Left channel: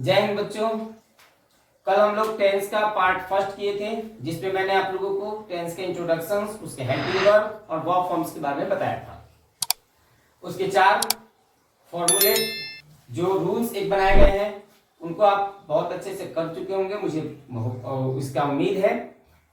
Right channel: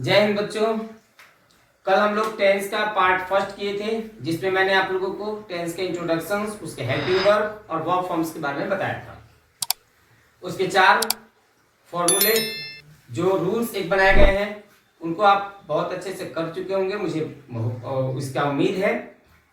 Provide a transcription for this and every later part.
जय हिंद बच्चों। कल हम लोग टेंस का पार्ट फर्स्ट किए थे, जिसमें मैंने आप लोगों को टेंस के इंट्रोडक्शन, उसके हेल्पिंग वर्ब और वर्ब फॉर्म्स के बारे में बताया था। उसके 4 फॉर्मूले जो रूल्स एक बनाए गए हैं, उनको आप बहुत अच्छे से कर चुके होंगे, मुझे इसका उम्मीद है।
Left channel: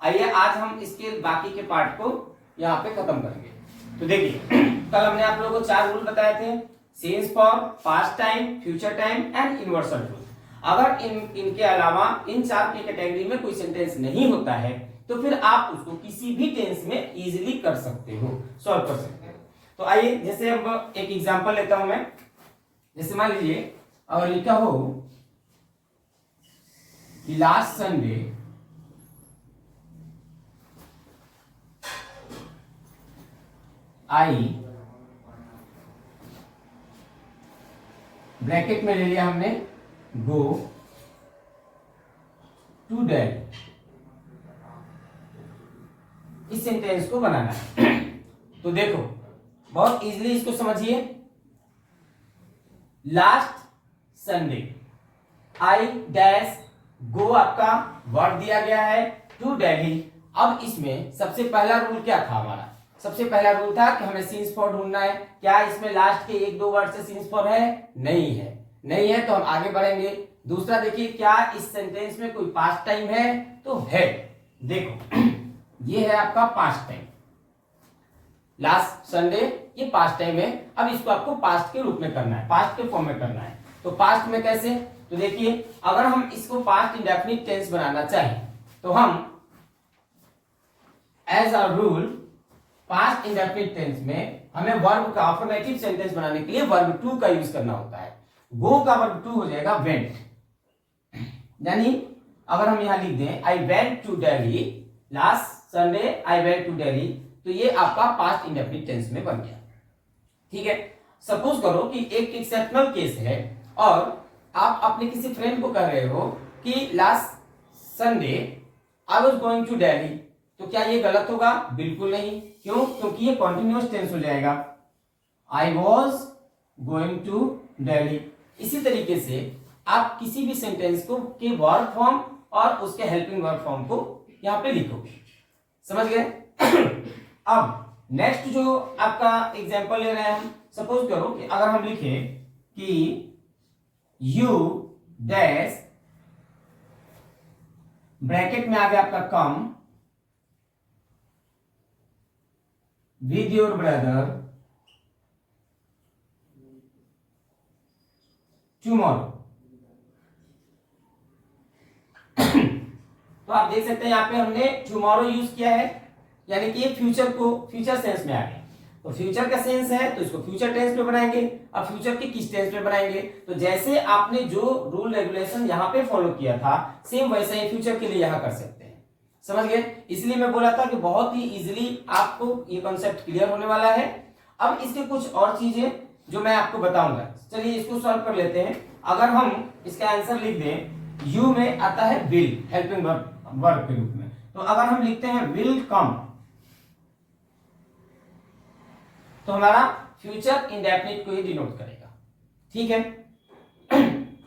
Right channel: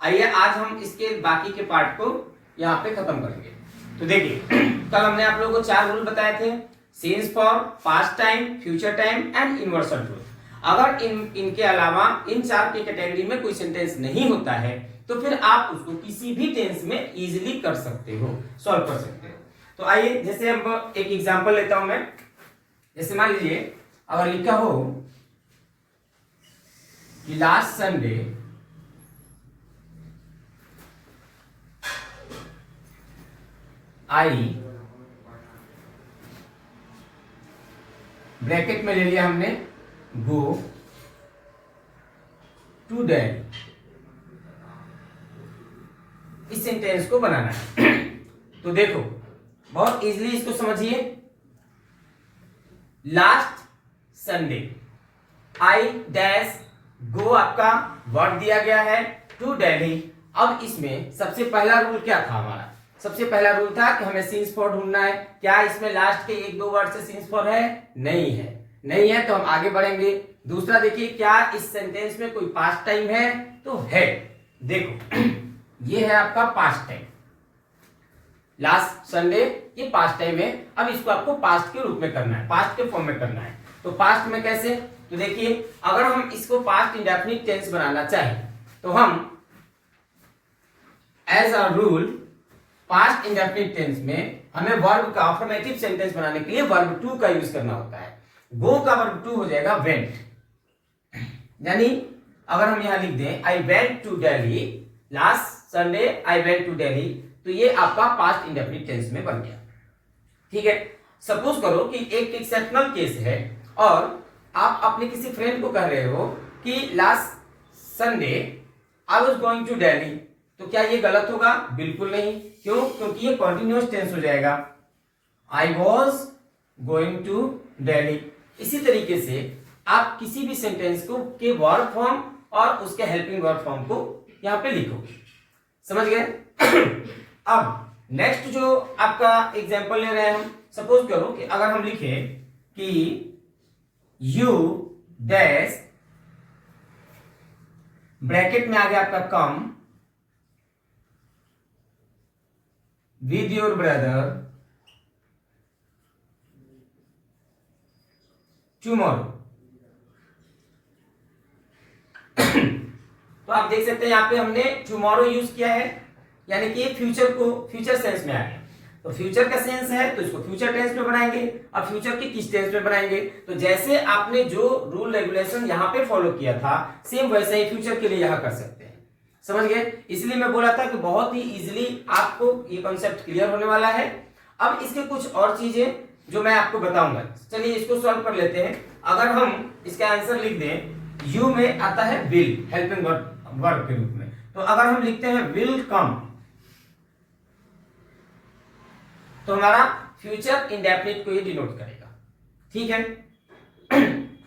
आइए आज हम इसके बाकी के पार्ट को यहाँ पे खत्म करेंगे। तो देखिए, कल हमने आप लोगों को 4 रूल बताए थे, sense form, past time, future time and universal truth. अगर इनके अलावा इन 4 की कैटेगरी में कोई सेंटेंस नहीं होता है तो फिर आप उसको किसी भी टेंस में इजीली कर सकते हो, सॉल्व कर सकते हो। तो आइए, जैसे हम एक एग्जांपल लेता हूं मैं। जैसे मान लीजिए अगर लिखा हो कि लास्ट संडे आई, ब्रैकेट में ले लिया हमने, गो टू डैडी। इस सेंटेंस को बनाना है। तो देखो, बहुत इजीली इसको समझिए। लास्ट संडे आई डैश गो, आपका वर्ड दिया गया है, टू दिल्ली। अब इसमें सबसे पहला रूल क्या था हमारा? सबसे पहला रूल था कि हमें सीन्स फॉर ढूंढना है। क्या इसमें लास्ट के 1-2 वर्ड से सीन्स फॉर है? नहीं है। नहीं है तो हम आगे बढ़ेंगे। दूसरा देखिए, क्या इस सेंटेंस में कोई पास्ट टाइम है? तो है। देखो, ये है आपका पास्ट टाइम, लास्ट संडे, ये पास्ट टाइम है। अब इसको आपको पास्ट के रूप में करना है, पास्ट के फॉर्म में करना है। तो पास्ट में कैसे? तो देखिए, अगर हम इसको पास्ट इंडेफिनिट टेंस बनाना चाहें तो हम as a rule past indefinite tense में हमें वर्ब का अफर्मेटिव सेंटेंस बनाने के लिए वर्ब टू का यूज करना होता है। गो का वर्ब टू हो जाएगा वेंट। यानी अगर हम यहां लिख दें I went to Delhi, last Sunday I went to Delhi, तो ये आपका पास्ट इंडेफिनिट टेंस में बन गया। ठीक है। सपोज करो कि एक एक्सेप्शनल केस है और आप अपने किसी फ्रेंड को कह रहे हो कि last Sunday I was going to Delhi, तो क्या ये गलत होगा? बिल्कुल नहीं। क्यों? क्योंकि ये कॉन्टिन्यूअस टेंस हो जाएगा, I was going to Delhi. इसी तरीके से आप किसी भी सेंटेंस को के वर्ब फॉर्म और उसके हेल्पिंग वर्ब फॉर्म को यहां पे लिखोगे। समझ गए? अब नेक्स्ट जो आपका एग्जांपल ले रहे हैं हम, सपोज करो कि अगर हम लिखे कि यू डैश, ब्रैकेट में आ गया आपका come with your brother tomorrow. तो आप देख सकते हैं यहां पे हमने टुमारो यूज किया है, यानी कि फ्यूचर को फ्यूचर सेंस में आ गया। तो फ्यूचर का सेंस है तो इसको फ्यूचर टेंस में बनाएंगे। और फ्यूचर के किस टेंस में बनाएंगे? तो जैसे आपने जो रूल रेगुलेशन यहां पे फॉलो किया था, सेम वैसे ही फ्यूचर के लिए यहां कर सकते हैं। समझ गए? इसलिए मैं बोला था कि बहुत ही इजीली आपको ये कॉन्सेप्ट क्लियर होने वाला है। अब इसके कुछ और चीजें जो मैं आपको बताऊंगा, चलिए इसको सॉल्व कर लेते हैं। अगर हम इसका आंसर लिख दें, यू में आता है विल, हेल्पिंग वर्ब के रूप में। तो अगर हम लिखते हैं विल कम, तो हमारा फ्यूचर इंडेफिनिट को ही डिनोट करेगा। ठीक है।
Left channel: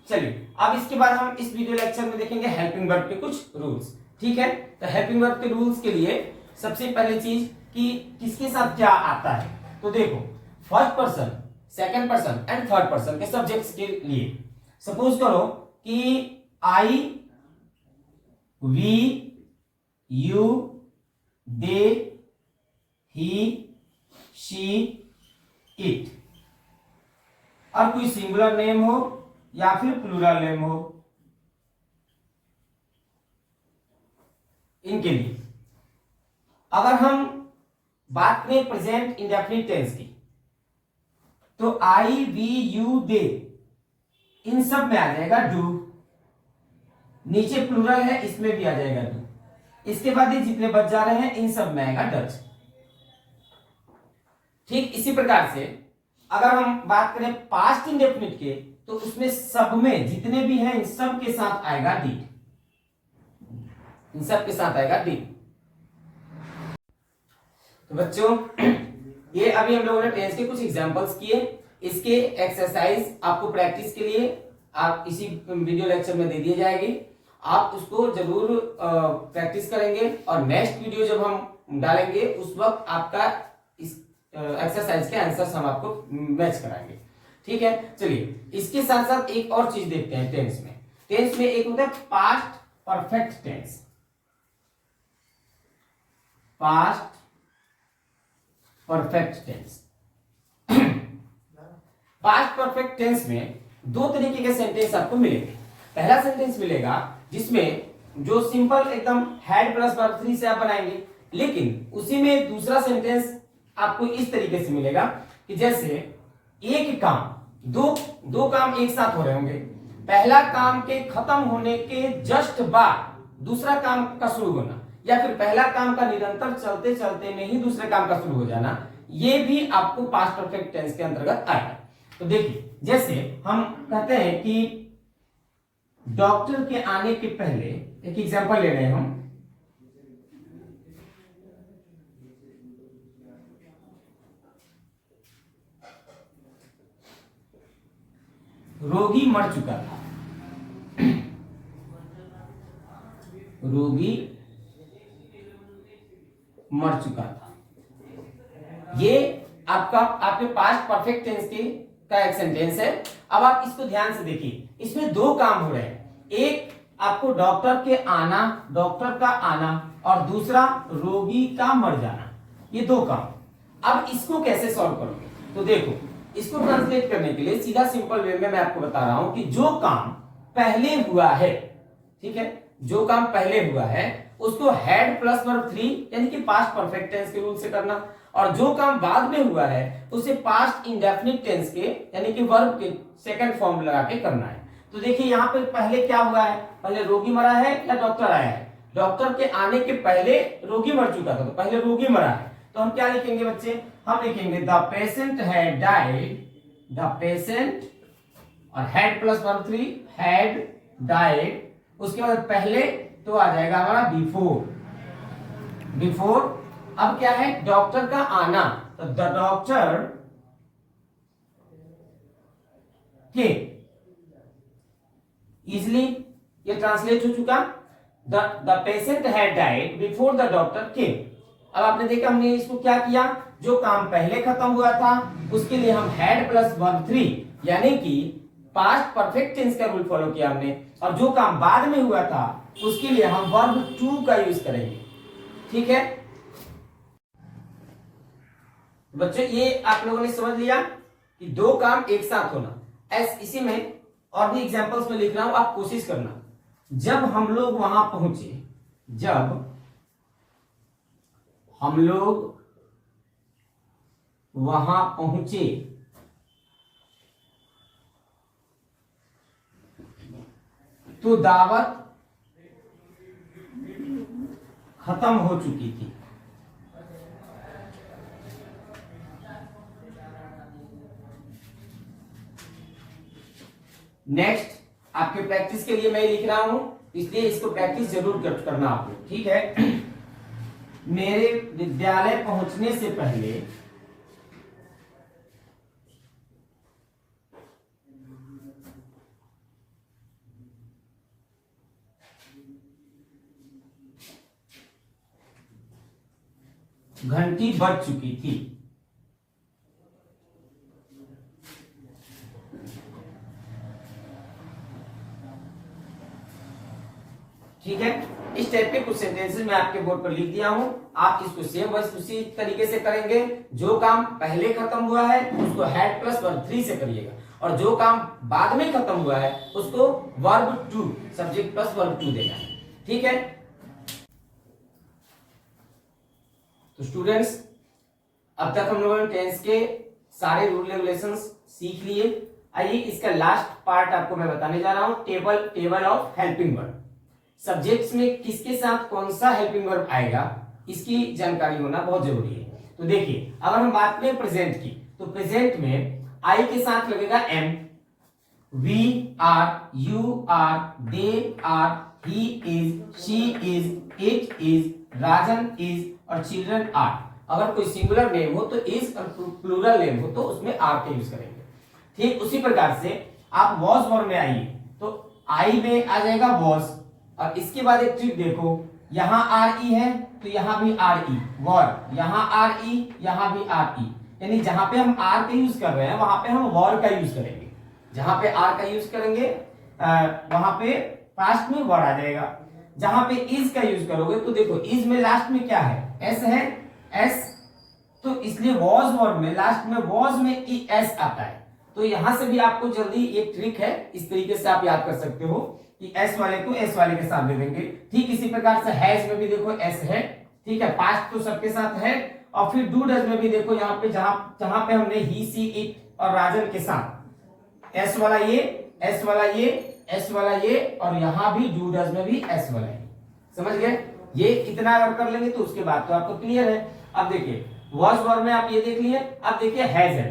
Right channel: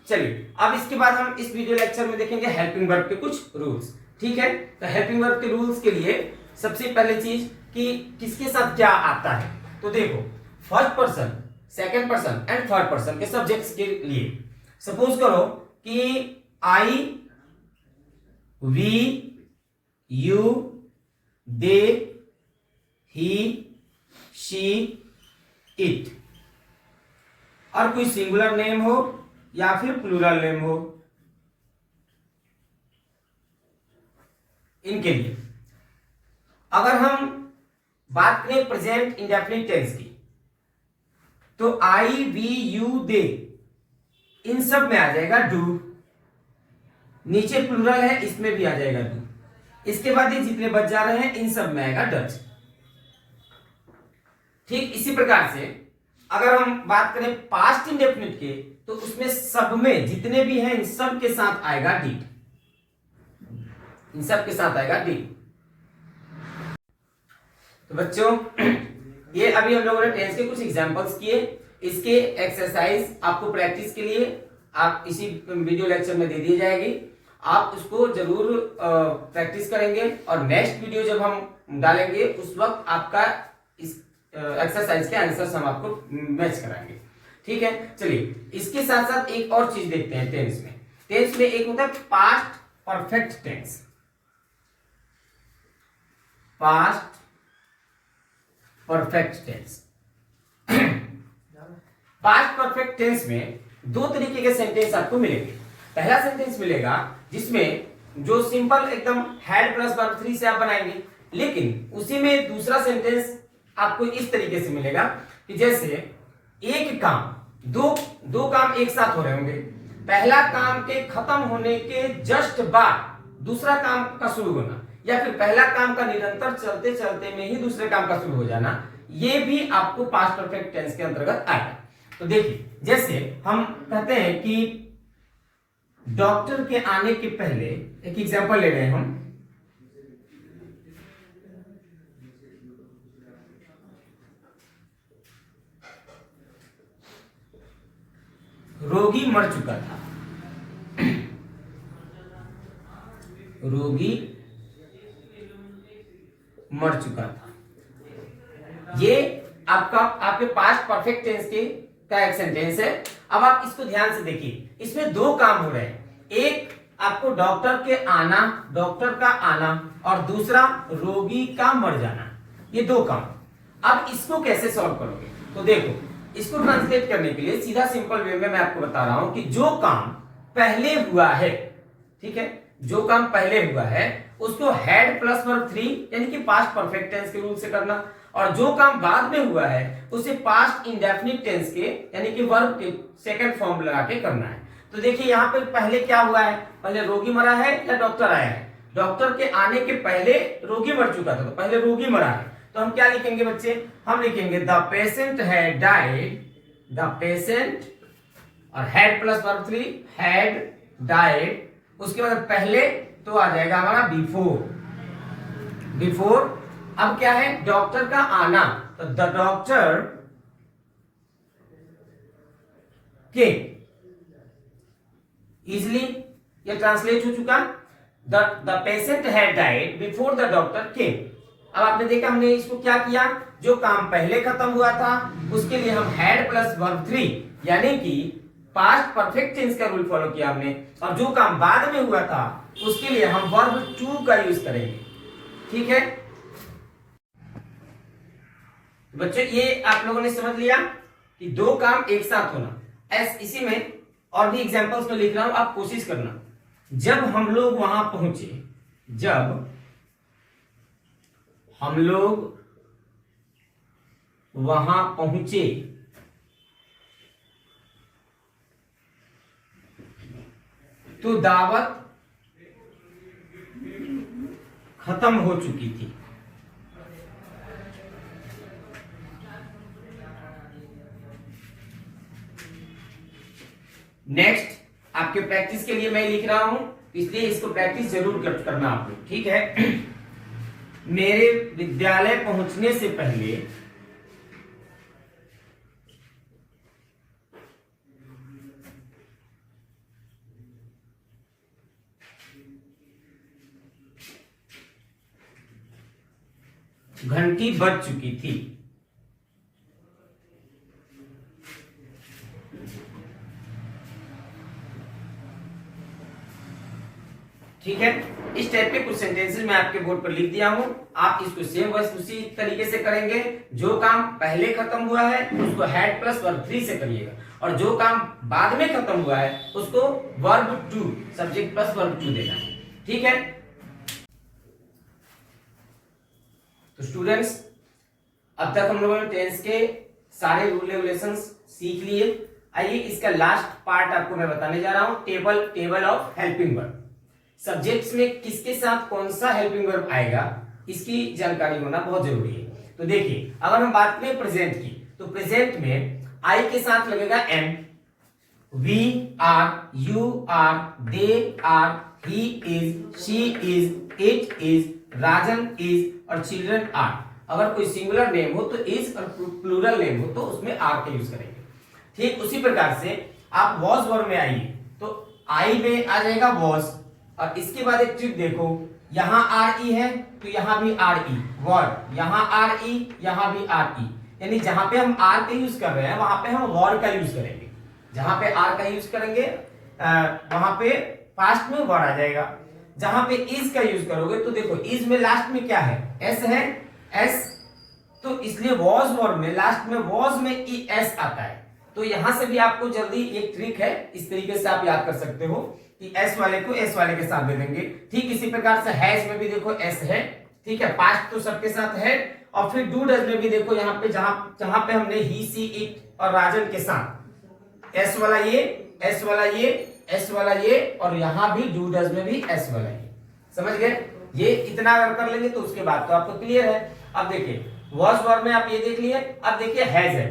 चलिए, अब इसके बाद हम इस वीडियो लेक्चर में देखेंगे हेल्पिंग वर्ब के कुछ रूल्स। ठीक है। तो हेल्पिंग वर्ब के रूल्स के लिए सबसे पहली चीज कि किसके साथ क्या आता है। तो देखो, first person, second person and third person के सब्जेक्ट्स के लिए सपोज करो कि I, we, you, they, he, she, it, और कोई सिंगुलर नेम हो या फिर प्लूरल नेम हो, इनके लिए अगर हम बात करें प्रेजेंट इंडेफिनिट टेंस की, तो आई, वी, यू, दे, इन सब में आ जाएगा डू। नीचे प्लूरल है, इसमें भी आ जाएगा डू। इसके बाद ये जितने बच जा रहे हैं इन सब में आएगा डज। ठीक इसी प्रकार से अगर हम बात करें पास्ट इंडेफिनिट के, तो उसमें सब में जितने भी हैं इन सब के साथ आएगा डिड। इन सब के साथ आएगा डिड। तो बच्चों, ये अभी हम लोगों ने टेंस के कुछ एग्जांपल्स किए। इसके एक्सरसाइज आपको प्रैक्टिस के लिए आप इसी वीडियो लेक्चर में दे दी जाएगी, आप उसको जरूर प्रैक्टिस करेंगे और नेक्स्ट वीडियो जब हम डालेंगे उस वक्त आपका इस एक्सरसाइज के आंसर्स हम आपको मैच कराएंगे। ठीक है, चलिए इसके साथ साथ एक और चीज देखते हैं टेंस में। टेंस में एक होता है past perfect tense. Past perfect tense. Past perfect tense में दो तरीके के सेंटेंस आपको मिलेंगे। पहला सेंटेंस मिलेगा जिसमें जो सिंपल एकदम हैड प्लस वर्ब 3 से आप बनाएंगे, लेकिन उसी में दूसरा सेंटेंस आपको इस तरीके से मिलेगा कि जैसे एक काम, दो काम एक साथ हो रहे होंगे, पहला काम के खत्म होने के जस्ट बाद दूसरा काम का शुरू होना, या फिर पहला काम का निरंतर चलते चलते में ही दूसरे काम का शुरू हो जाना, ये भी आपको पास्ट परफेक्ट टेंस के अंतर्गत आएगा। तो देखिए, जैसे हम कहते हैं कि डॉक्टर के आने के पहले, एक एग्जांपल ले रहे हैं हम, रोगी मर चुका था। रोगी मर चुका था, ये आपका आपके पास्ट परफेक्ट टेंस के का एक सेंटेंस है। अब आप इसको ध्यान से देखिए, इसमें दो काम हो रहे हैं, एक आपको डॉक्टर के आना, डॉक्टर का आना, और दूसरा रोगी का मर जाना, ये दो काम। अब इसको कैसे सॉल्व करोगे? तो देखो, इसको ट्रांसलेट करने के लिए सीधा सिंपल वे में मैं आपको बता रहा हूं कि जो काम पहले हुआ है, ठीक है, जो काम पहले हुआ है उसको हैड प्लस वर्ब 3 यानी कि पास्ट परफेक्ट टेंस के रूल से करना, और जो काम बाद में हुआ है उसे पास्ट इंडेफिनिट टेंस के यानी कि वर्ब के सेकंड फॉर्म लगा के करना है। तो देखिए यहाँ पे पहले क्या हुआ है, पहले रोगी मरा है या डॉक्टर आया है? डॉक्टर के आने के पहले रोगी मर चुका था, तो पहले रोगी मरा है, तो हम क्या लिखेंगे बच्चे? हम लिखेंगे the patient had died, the patient और had plus verb 3 had died, उसके बाद पहले तो आ जाएगा हमारा बिफोर, बिफोर। अब क्या है? डॉक्टर का आना, तो द डॉक्टर के, इजली ये ट्रांसलेट हो चुका, the patient had died before the doctor केम। अब आपने देखा हमने इसको क्या किया, जो काम पहले खत्म हुआ था उसके लिए हम हैड प्लस वर्ब 3 यानी कि पास्ट परफेक्ट टेंस का रूल फॉलो किया हमने, और जो काम बाद में हुआ था उसके लिए हम वर्ब 2 का यूज करेंगे। ठीक है बच्चों, ये आप लोगों ने समझ लिया कि दो काम एक साथ होना। इसी में और भी एग्जांपल्स में लिख रहा हूं, आप कोशिश करना। जब हम लोग वहां पहुंचे, जब हम लोग वहां पहुंचे, तो दावत खत्म हो चुकी थी। नेक्स्ट आपके प्रैक्टिस के लिए मैं लिख रहा हूं, इसलिए इसको प्रैक्टिस जरूर करना आप लोग, ठीक है। मेरे विद्यालय पहुंचने से पहले घंटी बज चुकी थी। ठीक है, इस टाइप के कुछ सेंटेंसेस मैं आपके बोर्ड पर लिख दिया हूं, आप इसको सेम बस उसी तरीके से करेंगे। जो काम पहले खत्म हुआ है उसको हैड प्लस वर्ब 3 से करिएगा, और जो काम बाद में खत्म हुआ है उसको वर्ब 2 सब्जेक्ट प्लस वर्ब 2 देना है। ठीक है, तो स्टूडेंट्स अब तक हम लोगों ने टेंस के सारे रूल रेगुलेशंस सीख लिए। आइए इसका लास्ट पार्ट आपको मैं बताने जा रहा हूं, table of helping verb. Subjects में किसके साथ कौन सा हेल्पिंग वर्ब आएगा इसकी जानकारी होना बहुत जरूरी है। तो देखिए, अगर हम बात करें प्रेजेंट की, तो प्रेजेंट में आई के साथ लगेगा am, we are, you are, they are, he is, she is, it is, Rajan is और चिल्ड्रन आर। अगर कोई सिंगुलर नेम हो तो इज, और प्लूरल नेम हो तो उसमें आर का यूज करेंगे। ठीक उसी प्रकार से आप वॉज वर्ब में आइए तो आई में आ जाएगा वॉज, और इसके बाद एक ट्रिक देखो, यहां आर ई है तो यहां भी आर ई वर्ब, यहां आर ई यहां भी आर ई, यानी जहां पे हम आर का यूज कर रहे हैं वहां पे हम वर्ब का यूज करेंगे, जहां पे आर का यूज करेंगे वहां पे पास्ट में वर्ड आ जाएगा। जहां पे इज का यूज करोगे तो देखो इज में लास्ट में क्या है, एस है, एस, तो इसलिए वॉज वर्ब में लास्ट में वॉज में ई एस आता है। तो यहां से भी आपको जल्दी एक ट्रिक है, इस तरीके से आप याद कर सकते हो कि एस वाले को एस वाले के साथ दे देंगे। ठीक इसी प्रकार से हैज में भी देखो एस है, ठीक है, पास्ट तो सबके साथ है, और फिर डू डज में भी देखो यहाँ पे जहां पे हमने ही सी इट और राजन के साथ एस वाला ये, एस वाला ये, एस वाला ये, और यहां भी डू डज में भी एस वाला ये। समझ गए? ये इतना अगर कर लेंगे तो उसके बाद तो आपको क्लियर है। अब देखिए वॉज वर्ब में आप ये देख लिए, अब देखिए हैज है,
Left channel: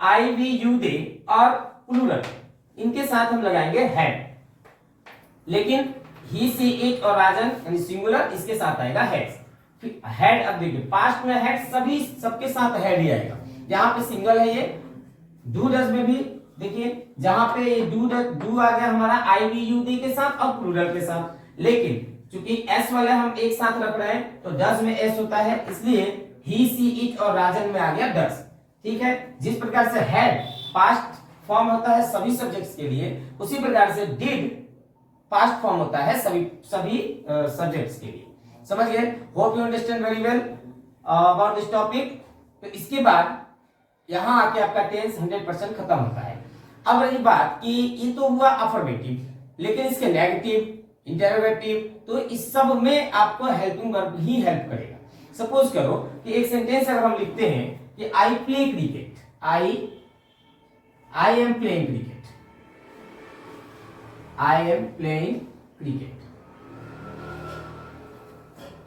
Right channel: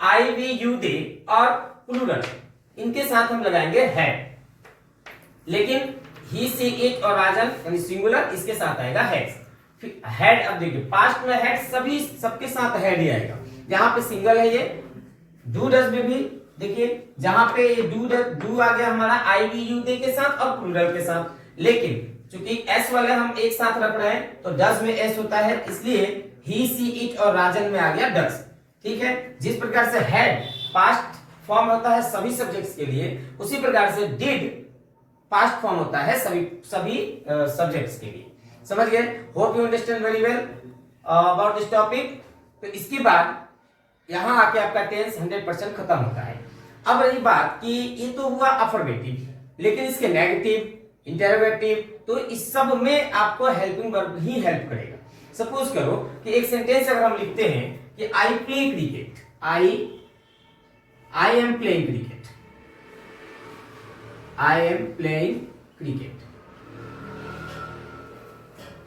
आई वी यू दे और प्लूरल, इनके साथ हम लगाएंगे हैड, लेकिन ही सी इट और राजन यानी सिंगुलर इसके साथ आएगा हैज। फिर हैड, अब देखिए पास्ट में हैड सभी सबके साथ हैड ही आएगा, यहाँ पे सिंगल है ये। डू डज में भी देखिए जहां पे डू आ गया हमारा आई वी यू दे के साथ और प्लूरल के साथ, लेकिन चूंकि एस वाले हम एक साथ रख रहे हैं तो डज में एस होता है, इसलिए ही सी इट और राजन में आ गया डज। ठीक है, जिस प्रकार से हैड पास्ट फॉर्म होता है सभी सब्जेक्ट्स के लिए, उसी प्रकार से डिड पास्ट फॉर्म होता है सभी सब्जेक्ट्स के लिए। समझ गए? Hope you understand very well about this topic. तो इसके बाद यहां आके आपका टेंस 100% खत्म होता है। अब रही बात कि ये तो हुआ अफर्मेटिव, लेकिन इसके नेगेटिव, इंटरोगेटिव, तो इस सब में आपको हेल्पिंग वर्ब ही हेल्प करेगा। सपोज करो कि एक सेंटेंस अगर हम लिखते हैं कि I play cricket, I am playing cricket, I am playing cricket,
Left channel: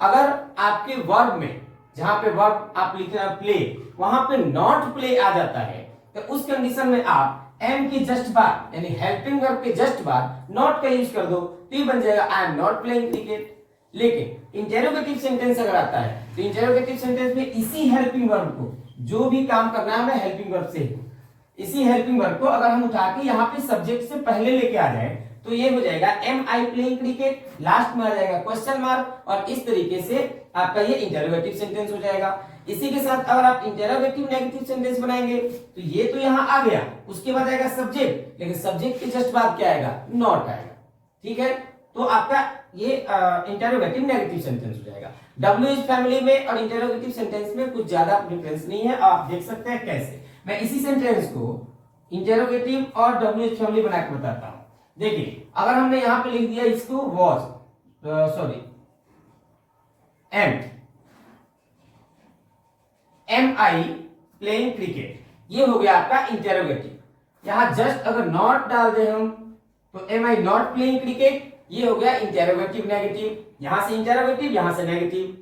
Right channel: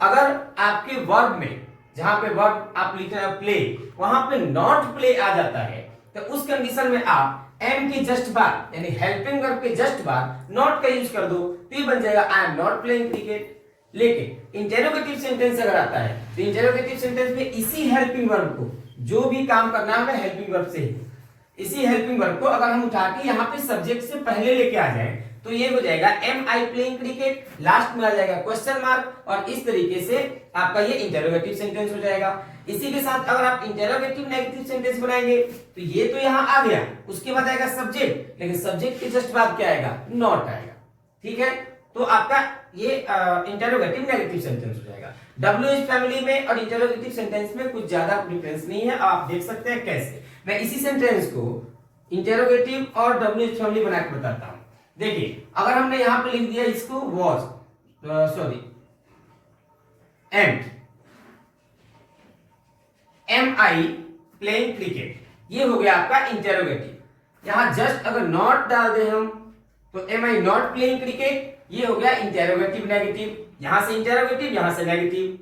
अगर आपके वर्ब में जहां पे वर्ब आप लिख रहे हैं प्ले, वहां पे नॉट प्ले आ जाता है, तो उस कंडीशन में आप एम के जस्ट बाद यानी हेल्पिंग वर्ब के जस्ट बाद नॉट का यूज कर दो, तो ये बन जाएगा I am not playing cricket. लेकिन इंटेरोगेटिव सेंटेंस अगर आता है तो इंटेरोगेटिव सेंटेंस में इसी हेल्पिंग वर्ब को जो भी काम करना है हेल्पिंग वर्ब से ही, इसी हेल्पिंग वर्ब को अगर हम उठा के यहाँ पे सब्जेक्ट से पहले लेके आ जाए तो ये हो जाएगा am I playing cricket, last में आ जाएगा क्वेश्चन मार्क, और इस तरीके से आपका ये इंटेरोगेटिव सेंटेंस हो जाएगा। इसी के साथ अगर आप इंटेरोगेटिव नेगेटिव सेंटेंस बनाएंगे तो ये तो यहाँ आ गया, उसके बाद आएगा सब्जेक्ट, लेकिन सब्जेक्ट के जस्ट बाद क्या आएगा, नॉट आएगा। ठीक है, तो आपका ये इंटेरोगेटिव नेगेटिव सेंटेंस हो जाएगा। WH फैमिली में और इंटेरोगेटिव सेंटेंस में कुछ ज्यादा डिफरेंस नहीं है, आप देख सकते हैं कैसे। मैं इसी सेंटेंस को इंटेरोगेटिव और WH फैमिली बना के बताता हूं। देखिए अगर हमने यहां पे लिख दिया इसको was am I playing cricket, ये हो गया आपका इंटेरोगेटिव। यहां जस्ट अगर नॉट डाल दे हम तो am I not playing cricket, ये हो गया इंटेरोगेटिव नेगेटिव, यहां से इंटेरोगेटिव यहां से नेगेटिव।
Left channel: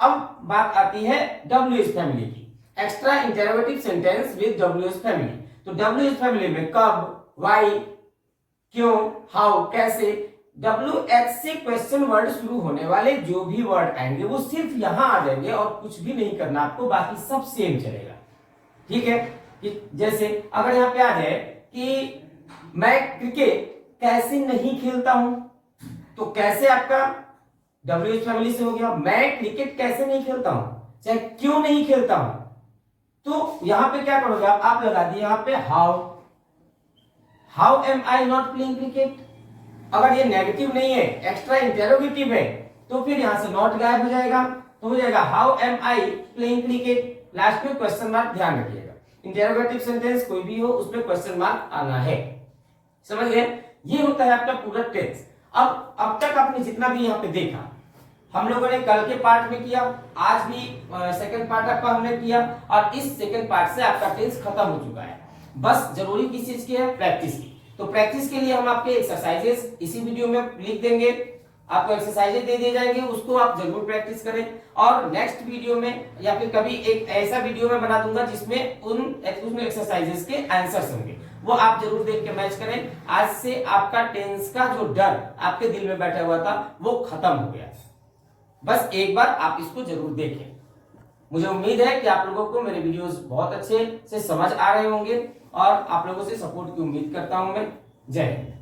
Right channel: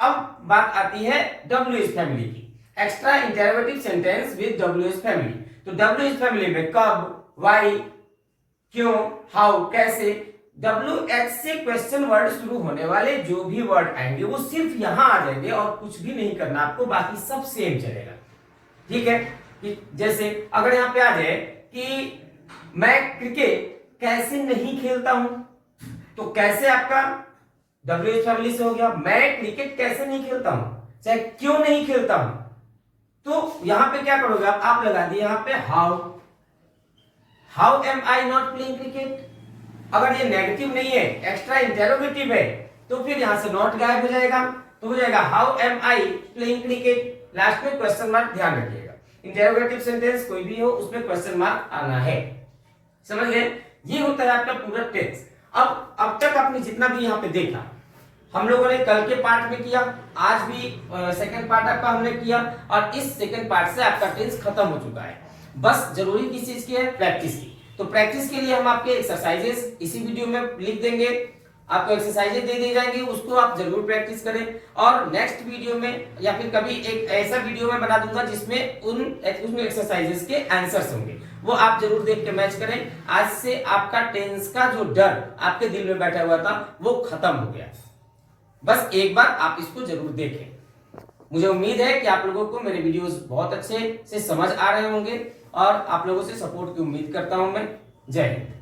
अब बात आती है WH फैमिली की, extra interrogative sentence with WH family. तो WH फैमिली में कब, व्हाई, क्यों, हाउ, कैसे, WH से क्वेश्चन वर्ड शुरू होने वाले जो भी वर्ड आएंगे वो सिर्फ यहां आ जाएंगे और कुछ भी नहीं करना आपको, बाकी सब सेम चलेगा। ठीक है, जैसे अगर यहां पे आ जाए कि मैं क्रिकेट कैसे नहीं खेलता हूं, तो कैसे आपका WH फैमिली से हो गया, मैं क्रिकेट कैसे नहीं खेलता हूं, चाहे क्यों नहीं खेलता हूं, तो यहां पे क्या करोगे आप लगा दिए यहां पे how am I not playing cricket. अगर ये नेगेटिव नहीं है, एक्स्ट्रा इंटेरोगेटिव है, तो फिर यहां से नॉट गायब हो जाएगा, तो हो जाएगा how am I playing cricket, last में क्वेश्चन मार्क, ध्यान रखिएगा इंटेरोगेटिव सेंटेंस कोई भी हो उसमें क्वेश्चन मार्क आना है। समझ गए? ये होता है आपका पूरा टेंस। अब तक आपने जितना भी यहाँ पे देखा, हम लोगों ने कल के पार्ट में किया, आज भी सेकंड पार्ट आपका हमने किया, और इस सेकंड पार्ट से आपका टेंस खत्म हो चुका है। बस जरूरी किस चीज की है, प्रैक्टिस की। तो प्रैक्टिस के लिए हम आपके एक्सरसाइजेस इसी वीडियो में लिख देंगे, आपको एक्सरसाइजेस दे दी जाएंगे, उसको आप जरूर प्रैक्टिस करें। और नेक्स्ट वीडियो में या फिर कभी एक ऐसा वीडियो में बना दूंगा जिसमें उसमें एक्सरसाइजेस के आंसर्स होंगे, वो आप जरूर देख के मैच करें। आज से आपका टेंस का जो डर आपके दिल में बैठा हुआ था वो खत्म हो गया। बस एक बार आप इसको जरूर देखें। मुझे उम्मीद है कि आप लोगों को मेरे वीडियोस बहुत अच्छे से समझ आ रहे होंगे और आप लोगों से सपोर्ट की उम्मीद करता हूं मैं। जय हिंद।